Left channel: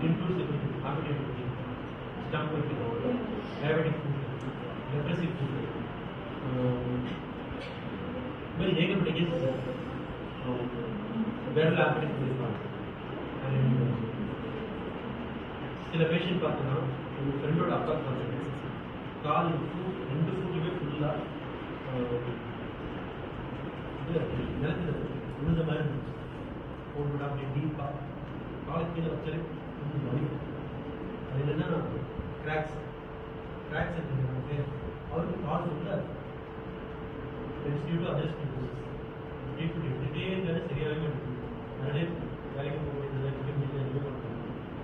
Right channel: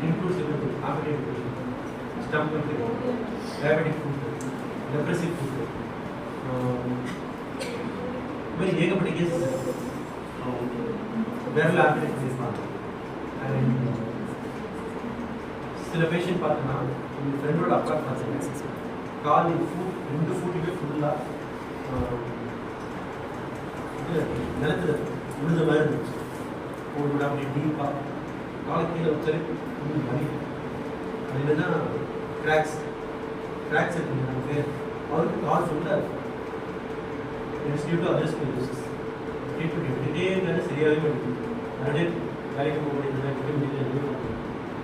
It includes everything: appetite, stomach control, diabetic food, depressive food. Very ஏகப்பட்ட cases விரல் operate பண்ணிருப்பாங்க. And சில patient பார்த்தோன்னா எங்கள் ஃப்ரெண்டோட அப்பா பார்த்தீங்க கால் ஃபுட் 2 ஃபுட்டுமே ஃபுல்லாக இதில் நிலத்தில் விழுந்த மாதிரி இருந்துச்சு. ஒரு விட அப்படி டீப்பாக காலை கீழே வச்சாலே வலி. அது இல்லைன்னா கிராக்ஸ் இருக்குங்க நம்ம பேர் அவருக்கு கால் ஃபுல்லாக அதர்ஸ் ட்ரீட்மெண்ட் எடுத்துகிட்டே இருந்தாலும் சரியாகவே மாட்டேங்குது. நிறைய வேலைக்கு போக முடியல, எதுவும் முடியல, எதுவுமே பண்ண முடியல.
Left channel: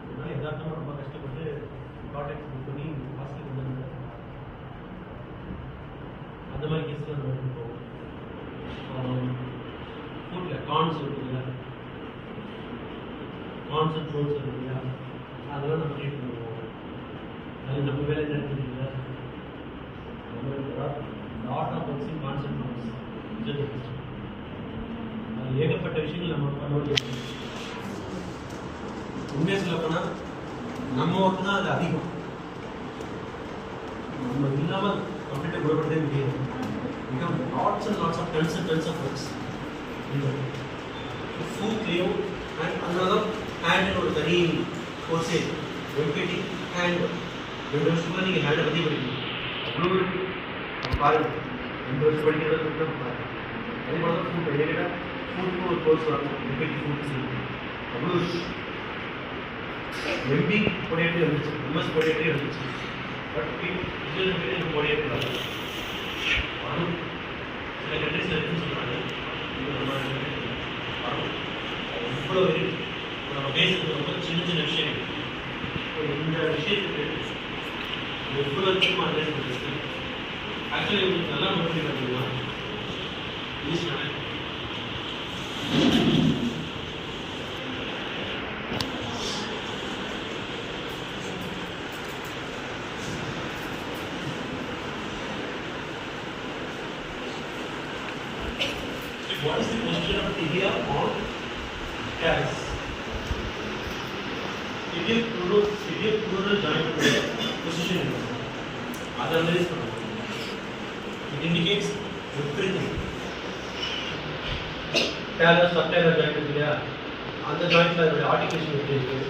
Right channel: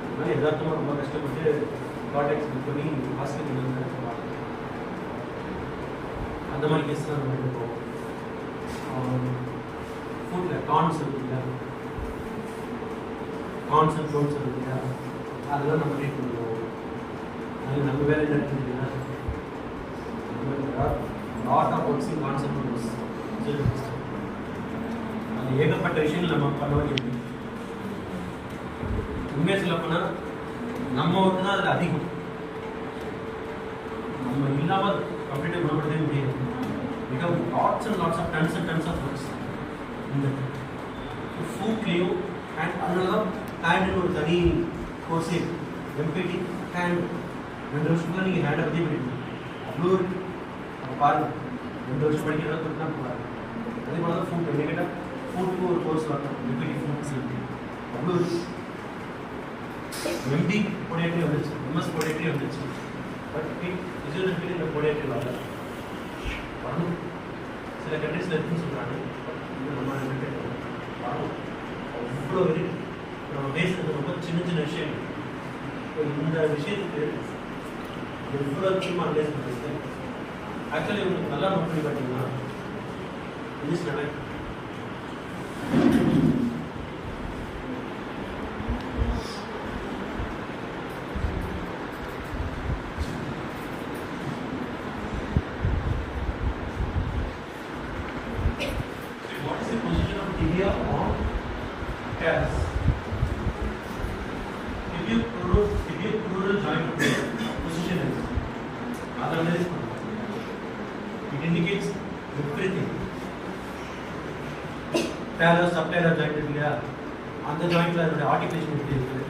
அதனால் யதார்த்தமாக ரொம்ப கஷ்டப்பட்டு கான்டாக்ட்ஸ் புக் பண்ணி ஹாஸ்பிட்டல் வந்து அந்த மாதிரி கேஸ்லாம் நம்ம எடுத்து போவோம். ஃபுட்டில் கார்ன்ஸ் இருக்கு இல்லையா, கார்ன்ஸ் அண்ட் ஃப்ரூட்ஸ் இருக்கு இல்லையா, அதெல்லாம் நம்ம ட்ரீட் பண்ணுவோம். அது நம்ம வேலை என்ன இருக்குங்களா, நம்ம லாட் ஆஃப் ஒர்க்ஸிங் கான்செப்ட் அது ஏகப்பட்ட விஷயங்கள் நம்ம பண்ண வேண்டியது. உண்மையை சொல்ல போனால் நம்ம ஒர்க்கு தான் அதில் அதிகம். நம்ம இல்லாமல் கம்ப்ளீட்டாக குணப்படுத்தவே முடியாது. மிக lots and lots of tons of works இந்த ஃபுட்லேயும். அண்ட் அதனால தான் ஹேண்டில் ஒரு தனி கோர்ஸே எம்பிடி ஹேண்ட் 2 வருஷத்துக்குள்ள நீங்கள் ஹேண்டை பற்றி படிக்கணும். அவ்வளோ பாருங்கள் 2 வருஷம் படிக்கிறத பற்றினா பாருங்கள். அதே மாதிரி தான் ஃபுட் எடுக்கிட்டால் ஃபுட்டுக்கு ஒரு கோர்ஸ் வரணும். எம்பிடி ஃபுட் செய்யணும். அவ்வளோ எம்பி பொடியேற்றி வந்துச்சு, எம்எஸ் பொடியேற்றி வந்துச்சு. பட் நம்ம பொடியேற்றி வராது. அதுவும் சில கண்ட்ரீஸில் இருக்குன்னு சொல்கிறாங்க. நம்ம இவ்வளோ வரைக்கும் நம்ம பேசுறது ரொம்ப சின்ன விஷயம். இந்த விஷயத்துக்கு இவ்வளோ முக்கியமாக அனலைஸ் பண்ணுறது ஆக்சுவலி உங்களுக்கு நல்லா நோட் பண்ணி பார்த்தீங்கன்னா இங்கிலீஷ் நடக்கும். What is the position of tibia on CAS? Tibia pleural joint position is other analysis. It indicates everything. Talar, subtalar joint is there. On the joint la the articulation is there.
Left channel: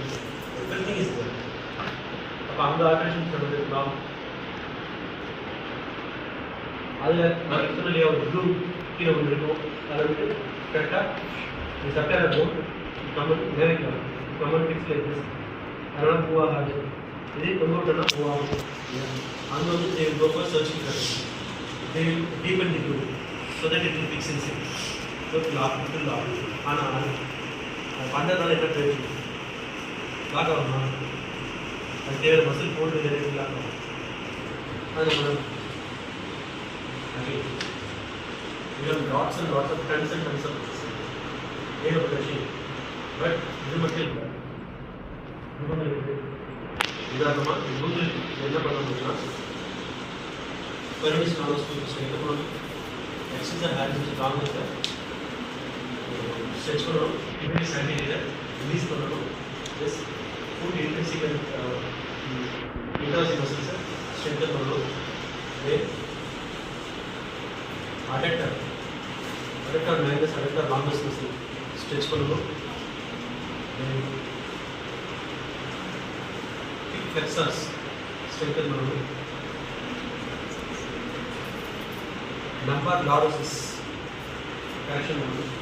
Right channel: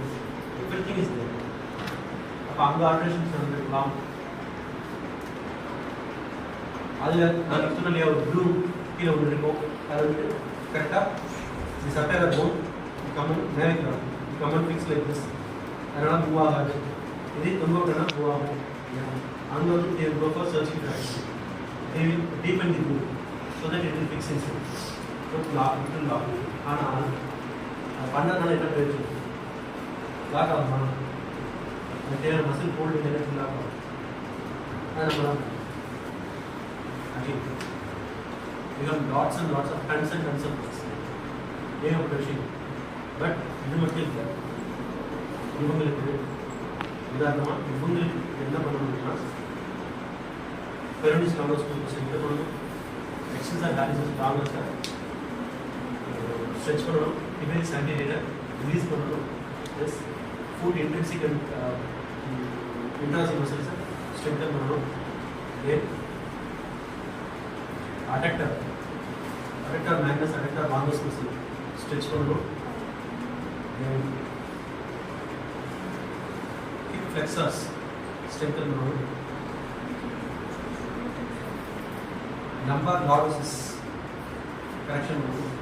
Everything is there. அப்ப அந்த articulation சொல்றதுலாம் அதுல நான் externally ஒரு blue கீழே ஒன்று இருக்கும். அது வந்து கரெக்டாக சட்டையில் போன் கம்மன் நேரத்தில் கம்மன் ஃபிக்ஸ் லைக் திஸ். அதனால் மூவ் ஆகாது. இதே தொங்க விட்டோன்னா மூவ் ஆகும். அங்கே வந்து they will go for searching correction. They will deepen the blue so that it will fix inside. So lock ஆனால் அது பண்ணதுனால என்ன பிரயோஜனம்? லாக் ஆகுமா? அது தேவை மசில் ஹோல்டு லாக் ஆகும். அது நம்ம you have lots and lots of tons of this. We have brushing, but இது மட்டும் இல்லை. இவங்களுக்கு உதாரணமாக இவங்களுக்கு என்ன பண்ண முடியும்னா பெருமிஸ் நாலோ ஸ்கூல் என்ன பண்ணணும், எக்ஸசைஸ் பேலன்ஸ் காங்கிரஸை ஸ்ட்ரெச் பண்ணணும், இன்டர்னல் சாண்டிலேட்டர் ரிலீஸ் பண்ணணும். எஸ் ஃபுட் இன்டென்சிவ் அண்ட் இன்ட்ராசிவ் மசில்ஸை ஸ்ட்ரென்தன் பண்ணணும். adductor magnus, adductor longus muscle stretch பண்ணணும். hip flexors strengthen பண்ணணும். lumbar lordosis traction பண்ணணும்.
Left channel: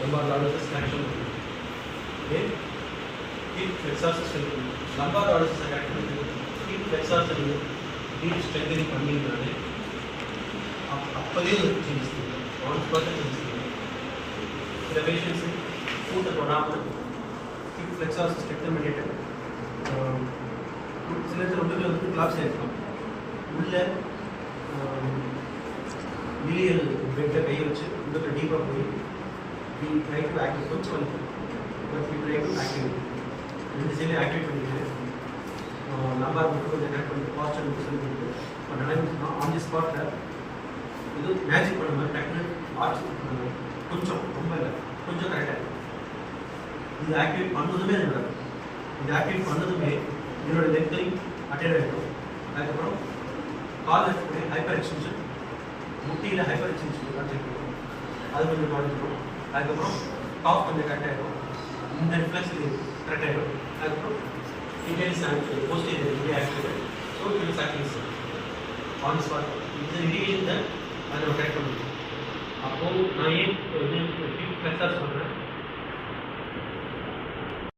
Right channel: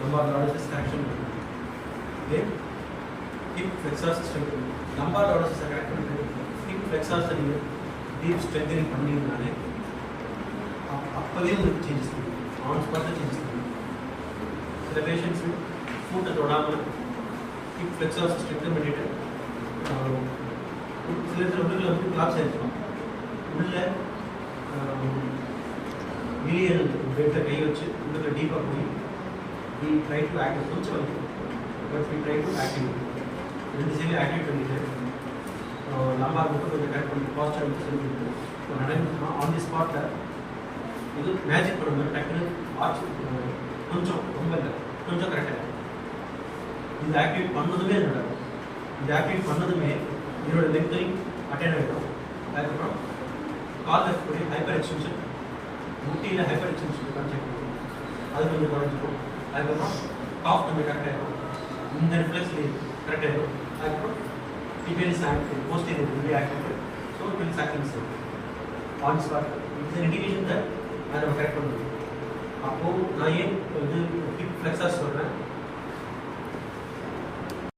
lumbar lordosis traction பண்ணணும். hip flexors strengthen. lumbar lordosis traction பண்ணணும். hip flexors deep strengthening பண்ணினாலே அப்போதே ஒரு சேஞ்சஸ் இருக்குது. ஆன் ஸ்பாட்டில் சேஞ்சஸ் இருக்குது. சில பேஷண்ட்ஸு ஃபுட்டை தொடாமல் ஹிப் ஃப்ளெக்ஸார் ஸ்ட்ரெக்தன் பண்ணிவிட்டு சில உள்ளுக்குள்ள வந்து கிளாப்ஸ் ஆகிருக்கும். உள்ளே வெளியே பெட்டை கை வச்சு உள்ளுக்குள்ள டீப்பாக போய் வி ட்ரை டு ஆக்டிவ் கொஞ்சம் வலிக்கும். But we try to active இந்த சைடில் ஆக்டிவேட் பண்ணிட்டு நம்ம மட்டும் கொஞ்சம் கரெக்ட் பண்ணி பாஸ்டர் சொல்லிட்டு இப்போ நடந்துச்சுன்னா ஆன் தி ஸ்பாட்டில் இது மேஜிக் பண்ண மாதிரி டக்குன்னு ஆட்சி கொஞ்சம் ரொம்ப இல்லை கொஞ்சம் கரெக்டாக இது ஆக்டிவேட் பண்ணதுமே நடக்கும். இந்த ஆக்டிவேட் பண்ணதுமே இதோட லெங்தையும் அட்டைன் ஆகிடும். அதுக்கப்புறம் காலில் இருக்கக்கூடிய ஹைப்பர் எக்ஸ்டென்ஷன், முட்டியில் ஹைப்பர் எக்ஸ்டென்ஷன் கரெக்ட் ஆகிடும், அது கொஞ்சம் குறைஞ்சிடும். அதுக்கப்புறம் காஃப் கொஞ்சம் கரெக்ட் ஆகிடும், இந்த ரிஃப்ளெக்ஸ் கரெக்ட் ஆகிடும். அதுக்கப்புறம் இன்வேஸ் ஆக்டிவ் போஸ்டீரியர் இங்கே activate, so it will sacrifice on spot. இந்த இண்டிகேஷன் அதை நம்ம கரெக்ட் பண்ணிடுவோம். அப்போது நான் ஏன் வந்து ஃப்ளெக்ஸாக சொல்கிறேன்,